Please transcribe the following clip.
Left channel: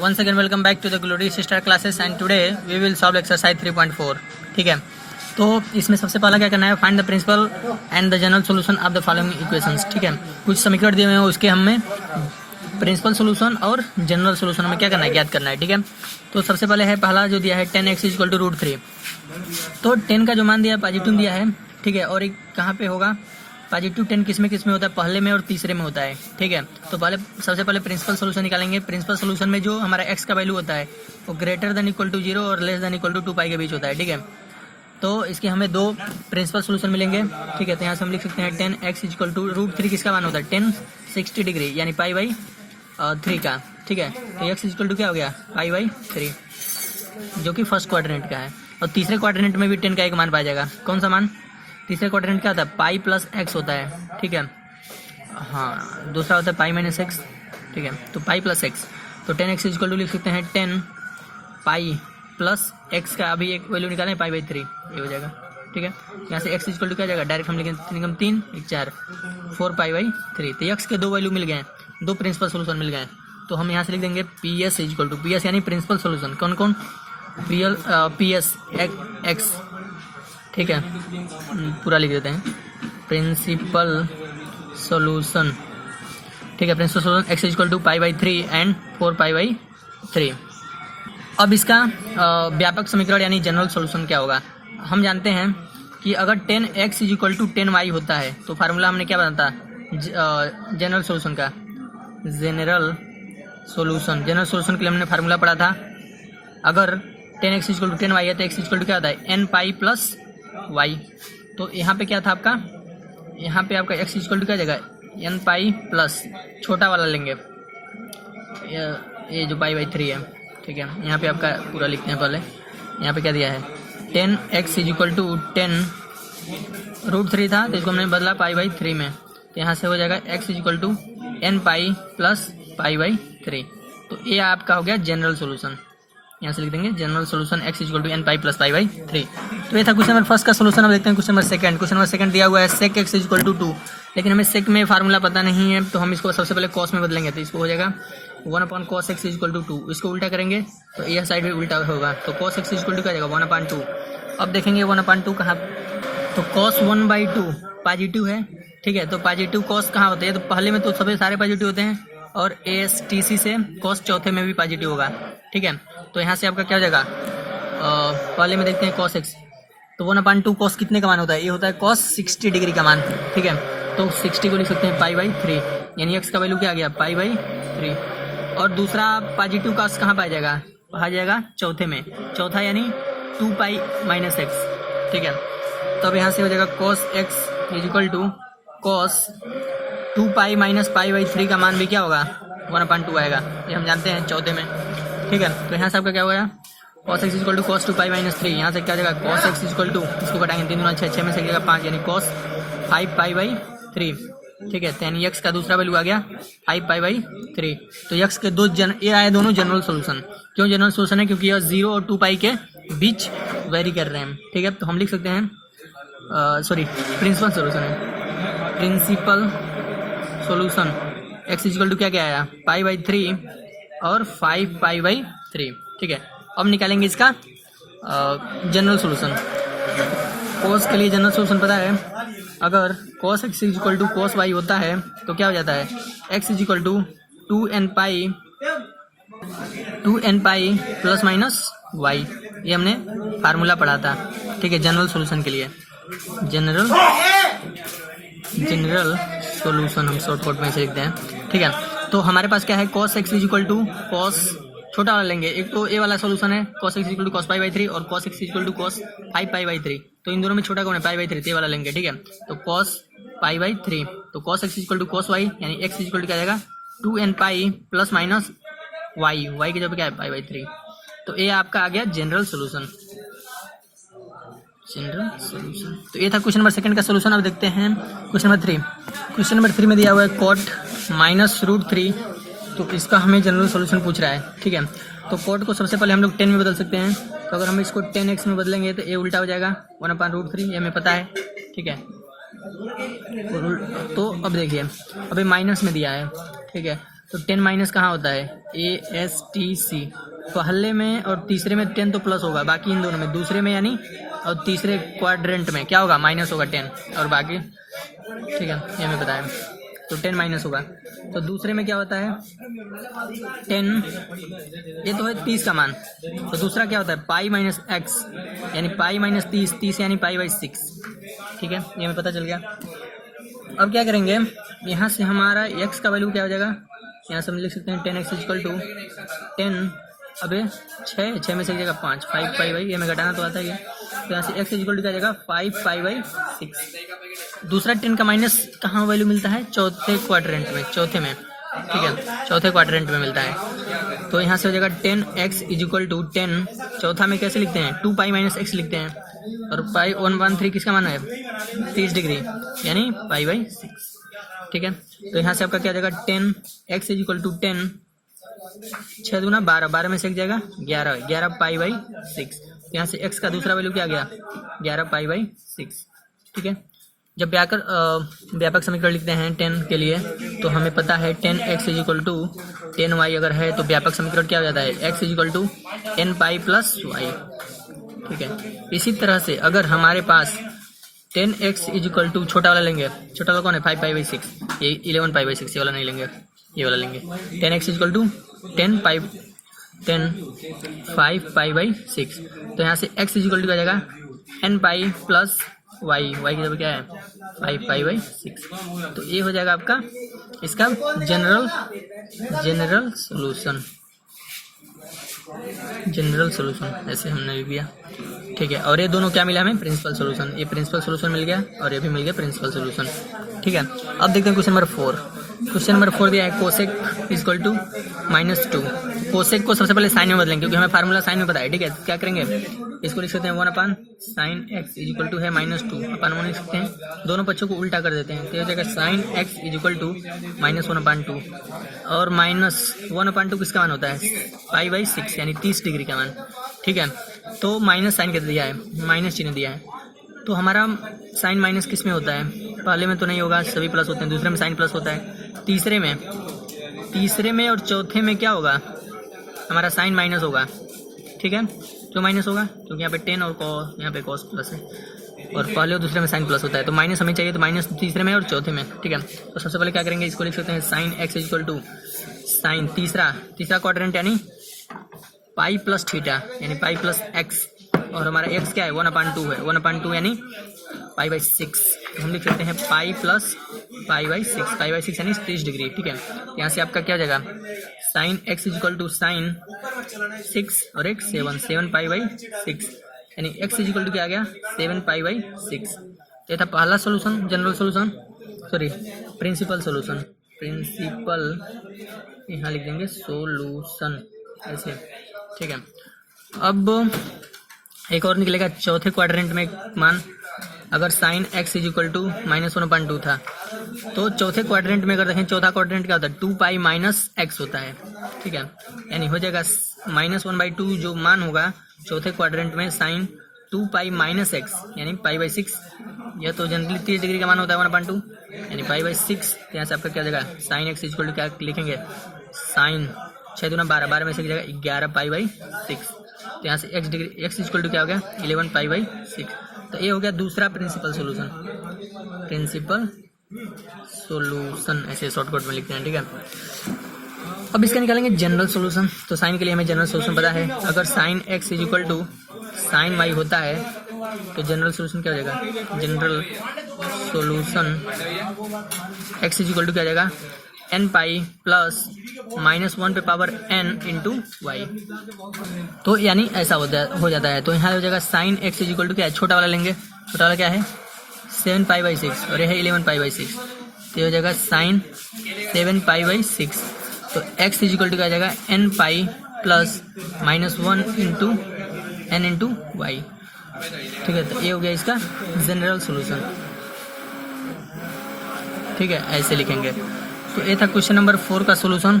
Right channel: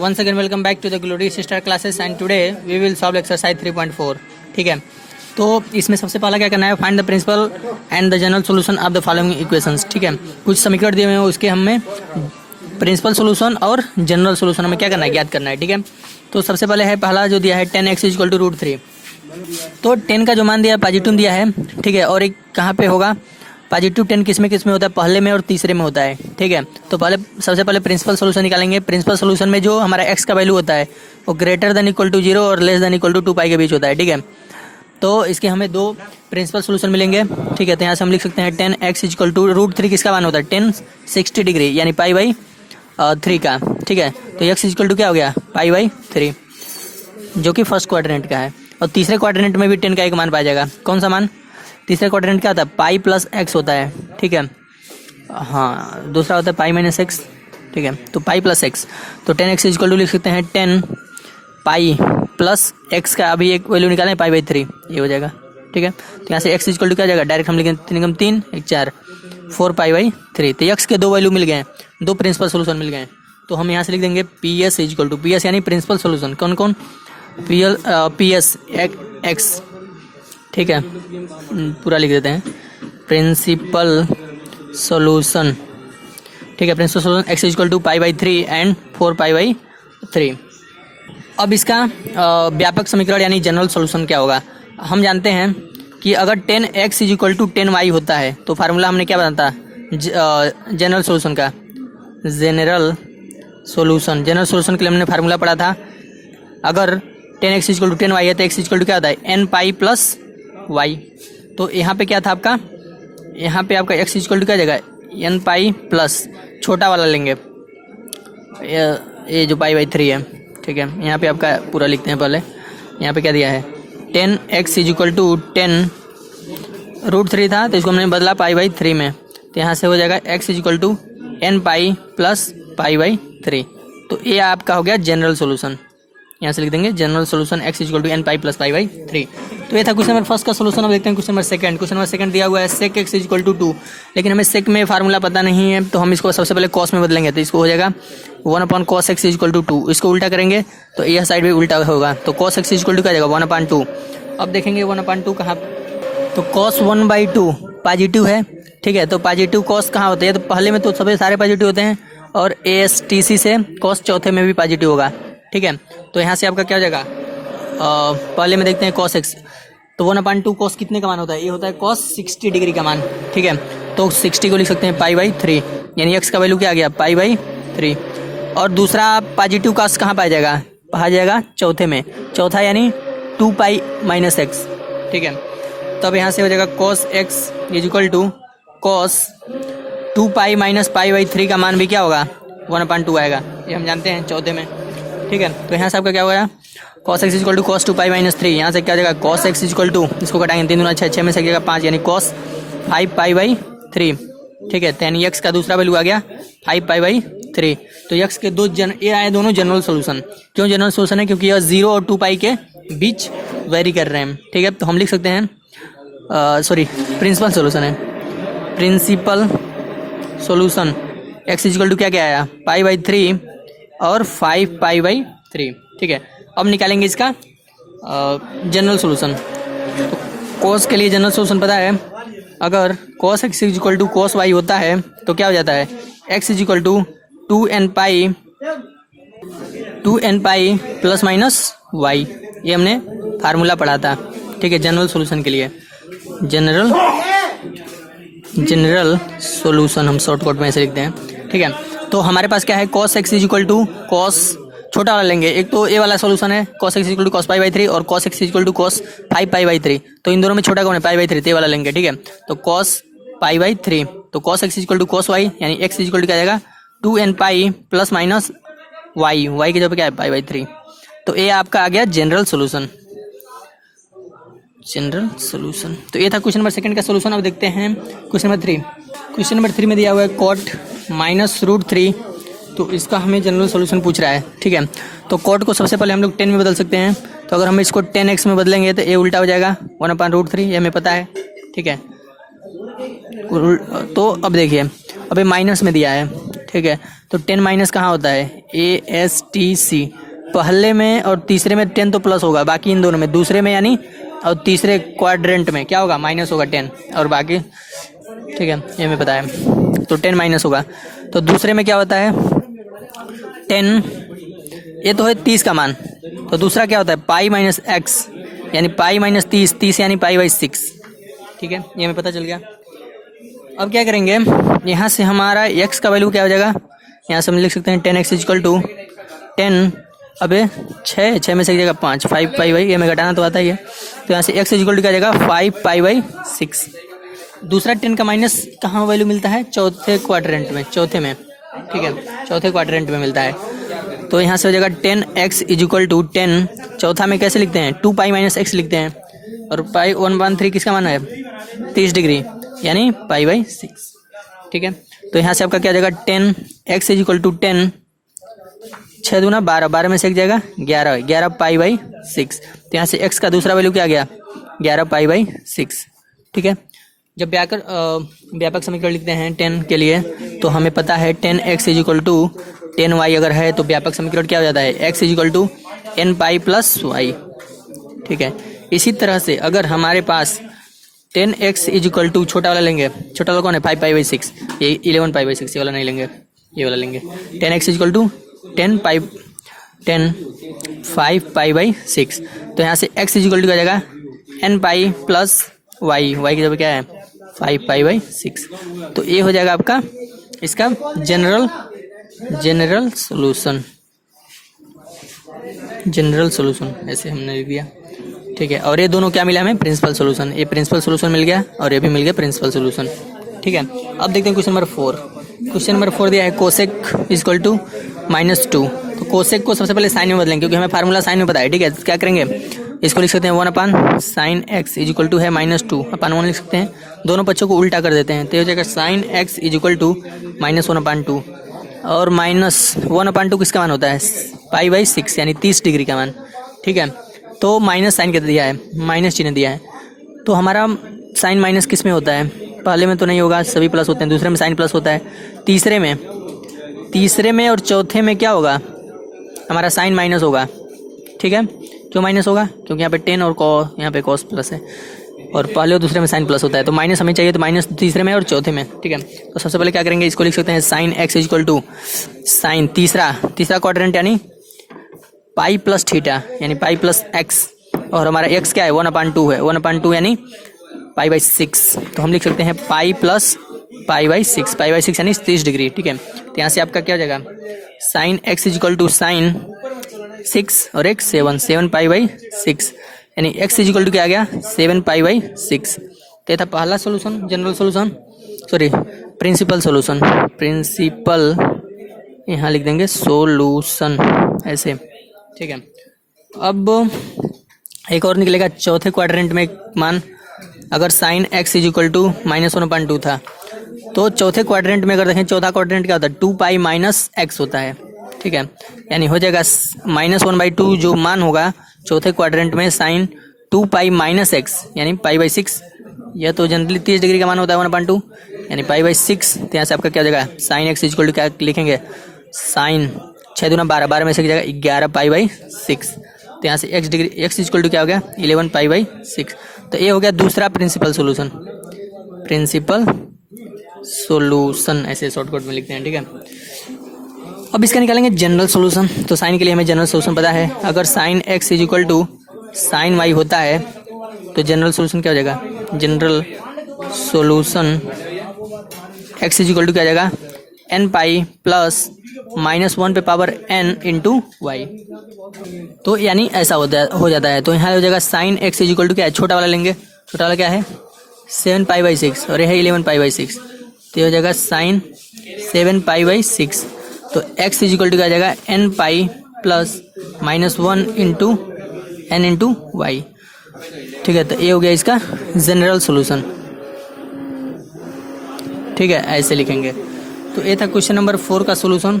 once again welcome back to the Glory Sister classes and today we will solve exercise 3.4. ठीक है, तो इसमें सबसे पहला क्या करना है, find the principal and the general solution of the following equations. ठीक है, कुछ समीकरण दिए हुए हैं, उसके हमें प्रिंसिपल सॉल्यूशन और जनरल सॉल्यूशन हमें क्या करना है, ज्ञात करना है. ठीक है, तो सबसे पहले है पहला जो दिया है 10x = √3. तो 10 का जो मान दिया है पॉजिटिव दिया है. ठीक है, और एक कहाँ पे होगा पॉजिटिव 10 किस में होता है, पहले में और तीसरे में होता है. ठीक है, तो सबसे पहले प्रिंसिपल सॉल्यूशन निकालेंगे. प्रिंसिपल सॉल्यूशन में जो हमारा x का वैल्यू होता है वो > 0 और <= 2π के बीच होता है. ठीक है, तो इसके हमें दो प्रिंसिपल सॉल्यूशन मिलेंगे. ठीक है, तो यहाँ से हम लिख सकते हैं 10x = √3 किसका मान होता है, 10 60 डिग्री यानी π/3 का. ठीक है, तो x = क्या हो गया, π/3 जो कि फर्स्ट क्वाड्रेंट का है. और तीसरे क्वाड्रेंट में भी 10 का एक मान पाया जाएगा. कौन सा मान, तीसरे क्वाड्रेंट क्या होता है, पाई प्लस एक्स होता है. ठीक है, हाँ दूसरा होता है पाई माइनस एक्स. ठीक है, तो पाई प्लस एक्स, तो 10x = लिख सकते हैं 10 पाई प्लस एक्स का अभी एक वैल्यू निकालें π/3, ये हो जाएगा. ठीक है, तो यहाँ से x = क्या जाएगा, डायरेक्ट हम लिखेंगे 3 1 4 4 π/3. तो x के दो वैल्यू मिल गए, दो प्रिंसिपल सोल्यूशन मिल गए. तो हम यहाँ से लिख देंगे PS = PS यानी प्रिंसिपल सोल्यूशन. कौन कौन, PS x. ठीक है, पूरा लिख देते हैं प्रिंसिपल सॉल्यूशन. ठीक है, प्रिंसिपल सॉल्यूशन x = π/3 एंड 4 π/3. अब इसका व्यापक समीकरण यानी जनरल सॉल्यूशन क्या होगा. हम जानते हैं कि अगर 10x = 10y होता है तो फार्मूला हमने क्या बनाता है, जनरल सॉल्यूशन का. जनरल सॉल्यूशन के लिए हमने फार्मूला पढ़ा था. अगर 10x = 10y है तो x = क्या होता है, nπ + y. तो यहाँ पे क्या था आपका, यहाँ पे आपका x = क्या जाएगा, nπ प्लस छोटा वाला लेंगे, ये जो π/3 है. ठीक है, यहाँ पे आपका पूरा लिखते हैं. पहले यहाँ पे क्या दिया है, 10x = 10 √3 था तो इसको हमने बदला π/3 में. तो यहाँ से हो जाएगा x = nπ + π/3. तो ये आपका हो गया जनरल सोल्यूशन. यहाँ से लिख देंगे जनरल सोल्यूशन x = nπ + π/3. तो ये था क्वेश्चन नंबर फर्स्ट का सोल्यूशन. अब देखते हैं क्वेश्चन नंबर सेकंड दिया हुआ है sec x = 2. लेकिन हमें सेक में फार्मूला पता नहीं है तो हम इसको सबसे पहले कॉस में बदलेंगे. तो इसको हो जाएगा 1/cos x = 2. इसको उल्टा करेंगे तो यह साइड भी उल्टा होगा. तो cos x = क्या जाएगा, 1/2. अब देखेंगे 1/2 कहाँ, तो cos 1/2 पॉजिटिव है. ठीक है, तो पॉजिटिव cos कहाँ होते हैं, तो पहले में तो सभी सारे पॉजिटिव होते हैं और ASTC से cos चौथे में भी पॉजिटिव होगा. ठीक है, तो यहाँ से आपका क्या हो जाएगा, पहले में देखते हैं cos x. तो 1/2 cos कितने का मान होता है, ये होता है cos 60 डिग्री का मान. ठीक है, तो 60 को लिख सकते हैं π/3 यानी x का वैल्यू क्या आ गया, π/3. और दूसरा पॉजिटिव cos कहाँ पाया जाएगा, पाया जाएगा चौथे में, चौथा यानी 2π - x. ठीक है, तो अब यहाँ से हो जाएगा cos x = cos 2π - π/3 का मान भी क्या होगा, 1/2 आएगा. ये हम जानते हैं चौथे में. ठीक है, तो यहाँ से आपका क्या होगा, cos x = cos 2π - 3. यहाँ से क्या हो जाएगा, cos x = इसको घटाएंगे 3 × 6 में से जाएगा 5 यानी cos 5 π/3. ठीक है, तो यानी x का दूसरा वैल्यू आ गया 5 π/3. तो x के ये आए दोनों जनरल सोल्यूशन. क्यों जनरल सोल्यूशन है, क्योंकि यह 0 और 2π के बीच वेरी कर रहे हैं. ठीक है, तो हम लिख सकते हैं प्रिंसिपल सोल्यूशन है. प्रिंसिपल सोल्यूशन x = क्या आया, π/3 और 5 π/3. ठीक है, अब निकालेंगे इसका जनरल सॉल्यूशन. तो cos के लिए जनरल सॉल्यूशन पता है, अगर cos x = cos y होता है तो क्या हो जाता है, x = 2nπ ± y. ये हमने फार्मूला पढ़ा था. ठीक है, जनरल सॉल्यूशन के लिए जनरल सॉल्यूशन हम शॉर्टकट में ऐसे लिखते हैं. ठीक है, तो हमारे पास क्या है, cos x = cos छोटा वाला लेंगे. एक तो ये वाला सॉल्यूशन है cos x = cos π/3 और cos x = cos 5 π/3. तो इन दोनों में छोटा कौन है, π/3, ये वाला लेंगे. ठीक है, तो cos π/3. तो cos x = cos y यानी x = क्या जाएगा, 2nπ ± y की जगह क्या है, π/3. तो ये आपका आ गया जनरल सोल्यूशन. तो ये था क्वेश्चन नंबर सेकंड का सोल्यूशन. अब देखते हैं क्वेश्चन नंबर 3 में दिया हुआ है cot -√3. तो इसका हमें जनरल सॉल्यूशन पूछ रहा है. ठीक है, तो cot को सबसे पहले हम लोग 10 में बदल सकते हैं. तो अगर हम इसको 10x में बदलेंगे तो ये उल्टा हो जाएगा 1/√3, ये हमें पता है. ठीक है, तो अब देखिए, अब ये माइनस में दिया है. ठीक है, तो 10 माइनस कहाँ होता है, ASTC पहले में और तीसरे में 10 तो प्लस होगा, बाकी इन दोनों में, दूसरे में यानी और तीसरे क्वाड्रेंट में क्या होगा, माइनस होगा 10 और बाकी, ठीक है ये हमें पता है, तो 10 माइनस होगा। तो दूसरे में क्या होता है 10, ये तो है 30 का मान, तो दूसरा क्या होता है पाई माइनस एक्स यानी पाई माइनस 30, 30 यानी पाई बाई 6, ठीक है ये हमें पता चल गया। अब क्या करेंगे, यहाँ से हमारा x का वैल्यू क्या हो जाएगा, यहाँ से हम लिख सकते हैं 10x इक्वल टू 10, अबे 6 में से एक जगह 5, 5 पाई बाई, ये में घटाना तो आता ही है, तो यहाँ से x इक्वल टू क्या जाएगा 5 पाई बाई 6। दूसरा 10 का माइनस कहाँ वैल्यू मिलता है, चौथे क्वाड्रेंट में, चौथे में, ठीक है चौथे क्वाड्रेंट में मिलता है। तो यहाँ से हो जाएगा 10x इक्वल टू 10, चौथा में कैसे लिखते हैं 2 पाई माइनस x लिखते हैं, और पाई 1/3 किसका मान है 30 डिग्री यानी पाई बाई 6, ठीक है। तो यहाँ से आपका क्या हो जाएगा 10x इक्वल टू 10, 6 दूना 12, 12 में से एक जाएगा 11, 11 पाई बाई 6, तो यहाँ से x का दूसरा वैल्यू क्या आ गया 11 पाई बाई 6, ठीक है। जब व्यापक समीकरण लिखते हैं 10 के लिए तो हमें पता है 10x इक्वल टू 10y अगर है तो व्यापक समीकरण क्या हो जाता है x equal to n pi plus y, ठीक है। इसी तरह से अगर हमारे पास 10x इक्वल टू छोटा वाला लेंगे, छोटा वाला कौन है 5 पाई बाई 6, ये 11 पाई बाई 6, ये वाला नहीं लेंगे, ये वाला लेंगे। 10x equal to 5 pi by 6, तो यहाँ से x इक्वल टू क्या जाएगा n pi plus y, y की जगह क्या है 5 पाई बाई 6, तो ये हो जाएगा आपका इसका जनरल सॉल्यूशन, ऐसे हमने लिख दिया, ठीक है। और ये दोनों क्या मिला हमें प्रिंसिपल सॉल्यूशन, ये प्रिंसिपल सॉल्यूशन मिल गया और ये भी मिल गया प्रिंसिपल सॉल्यूशन, ठीक है। अब देखते हैं क्वेश्चन नंबर 4। क्वेश्चन नंबर 4 दिया है कोसेक इक्वल टू -2, तो कोसेक को सबसे पहले साइन में बदलेंगे क्योंकि हमें फार्मूला साइन में पता है, ठीक है। क्या करेंगे इसको लिख सकते हैं 1 साइन एक्स इक्वल टू है -2 अपन 1 लिख सकते हैं, दोनों पक्षों को उल्टा कर देते हैं, तो ये हो जाएगा साइन एक्स इक्वल टू -1/2 और -1/2 किसका मान होता है पाई बाई 6 यानी 30 डिग्री का मान, ठीक है। तो माइनस साइन क्या दिया है, माइनस चिन्ह दिया है, तो हमारा साइन माइनस किस में होता है, पहले में तो नहीं होगा, सभी प्लस होते हैं, दूसरे में साइन प्लस होता है, तीसरे में और चौथे में क्या होगा हमारा साइन माइनस होगा, ठीक है। क्यों माइनस होगा, क्योंकि यहाँ पे 10 और यहाँ पे कॉस प्लस है, और पहले और दूसरे में साइन प्लस होता है, तो माइनस हमें चाहिए, तो माइनस तीसरे में और चौथे में, ठीक है। तो सबसे पहले क्या करेंगे इसको लिख सकते हैं sine x equal to sine तीसरा क्वाड्रेंट यानी पाई प्लस थीटा यानी पाई प्लस एक्स, और हमारा एक्स क्या है 1/2 है, 1/2 यानी पाई बाई 6, तो हम लिख सकते हैं पाई प्लस पाई बाई 6 यानी 30 डिग्री, ठीक है। तो यहाँ से आपका क्या हो जाएगा sine x equal to sine 6 और एक 7 पाई बाई 6 यानी x इक्वल टू क्या आ गया 7 पाई बाई 6, तो ये था पहला solution, general solution, sorry principal solution, principal यहाँ लिख देंगे सोल्यूशन ऐसे, ठीक है। अब एक और निकलेगा चौथे क्वाड्रेंट में मान, अगर साइन x इक्वल टू -1/2 था, तो चौथे क्वाड्रेंट में अगर देखें चौथा क्वाड्रेंट क्या होता है 2 पाई माइनस एक्स होता है, ठीक है। यानी हो जाएगा -1/2 जो मान होगा चौथे क्वाड्रेंट में साइन 2 पाई माइनस एक्स यानी पाई बाई 6, यह तो जनरली 30 डिग्री का मान होता है 1/2 यानी पाई बाई 6, तो यहाँ से आपका क्या हो जाएगा साइन एक्स इक्वल टू क्या लिखेंगे साइन 6 दूना 12, 12 में से जाएगा 11 पाई बाई 6, तो यहाँ से एक्स इक्वल टू क्या हो गया 11 पाई बाई 6, तो ये हो गया दूसरा प्रिंसिपल सोल्यूशन ऐसे शॉर्टकट में लिखते हैं, ठीक है। अब इसका निकालेंगे जनरल सोल्यूशन, तो साइन के लिए हमें जनरल सोल्यूशन पता है, अगर sine x equal to sine y होता है तो जनरल सोल्यूशन क्या हो जाएगा, general solution x equal to क्या हो जाएगा n पाई प्लस -1 पे पावर n इंटू वाई, तो यानी ऐसा हो जाता है। तो यहाँ हो जाएगा साइन एक्स इक्वल टू क्या है, छोटा वाला लेंगे, छोटा वाला क्या है 7 पाई बाई 6 और यह है 11 पाई बाई 6, तो हो जाएगा साइन 7 पाई बाई 6, तो x इक्वल टू क्या आ जाएगा n pi plus -1 into n into y, ठीक है। तो ये हो गया इसका जनरल सोल्यूशन, ठीक है, ऐसे लिखेंगे। तो ये था क्वेश्चन नंबर 4 का सोल्यूशन।